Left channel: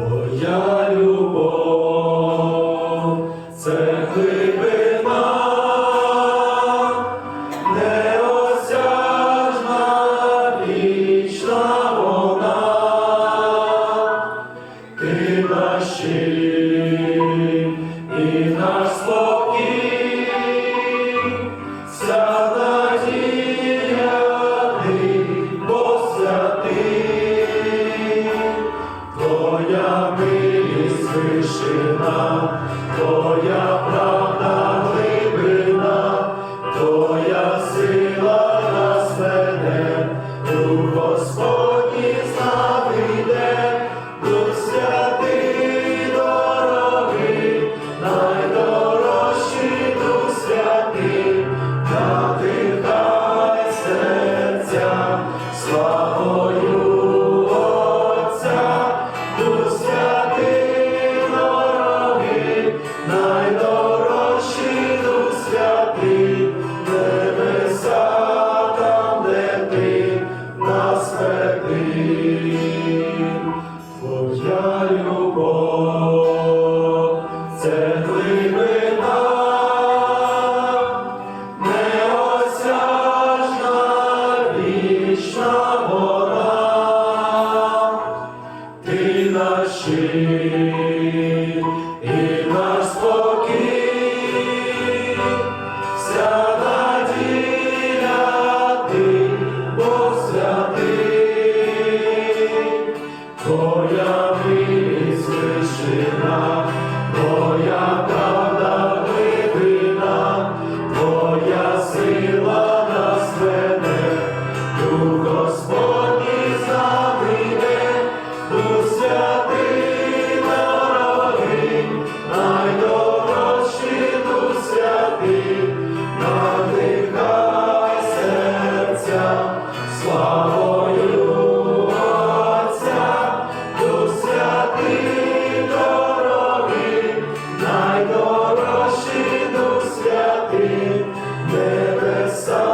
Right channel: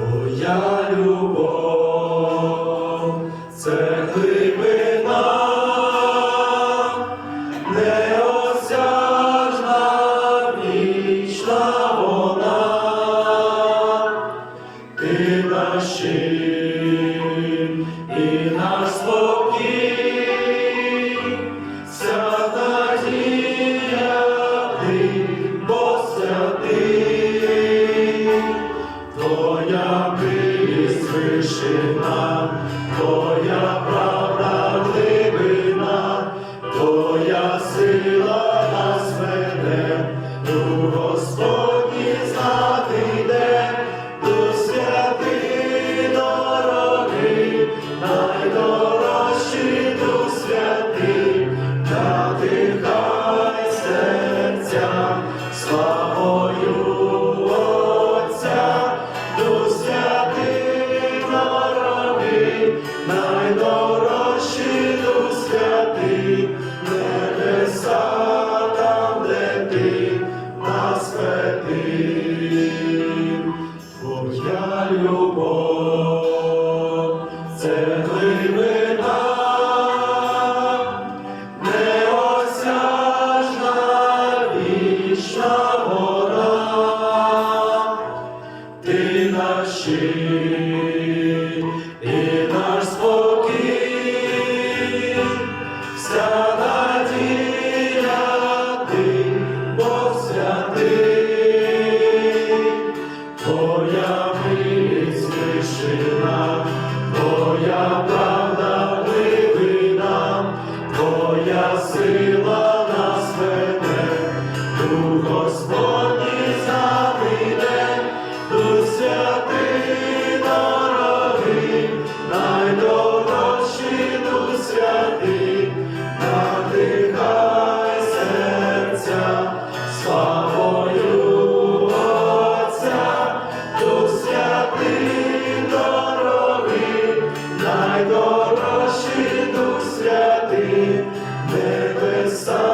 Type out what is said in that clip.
Твоя любов це глибина, неосяжна вічна вона, ти наші. Krishna Amen. Небеса.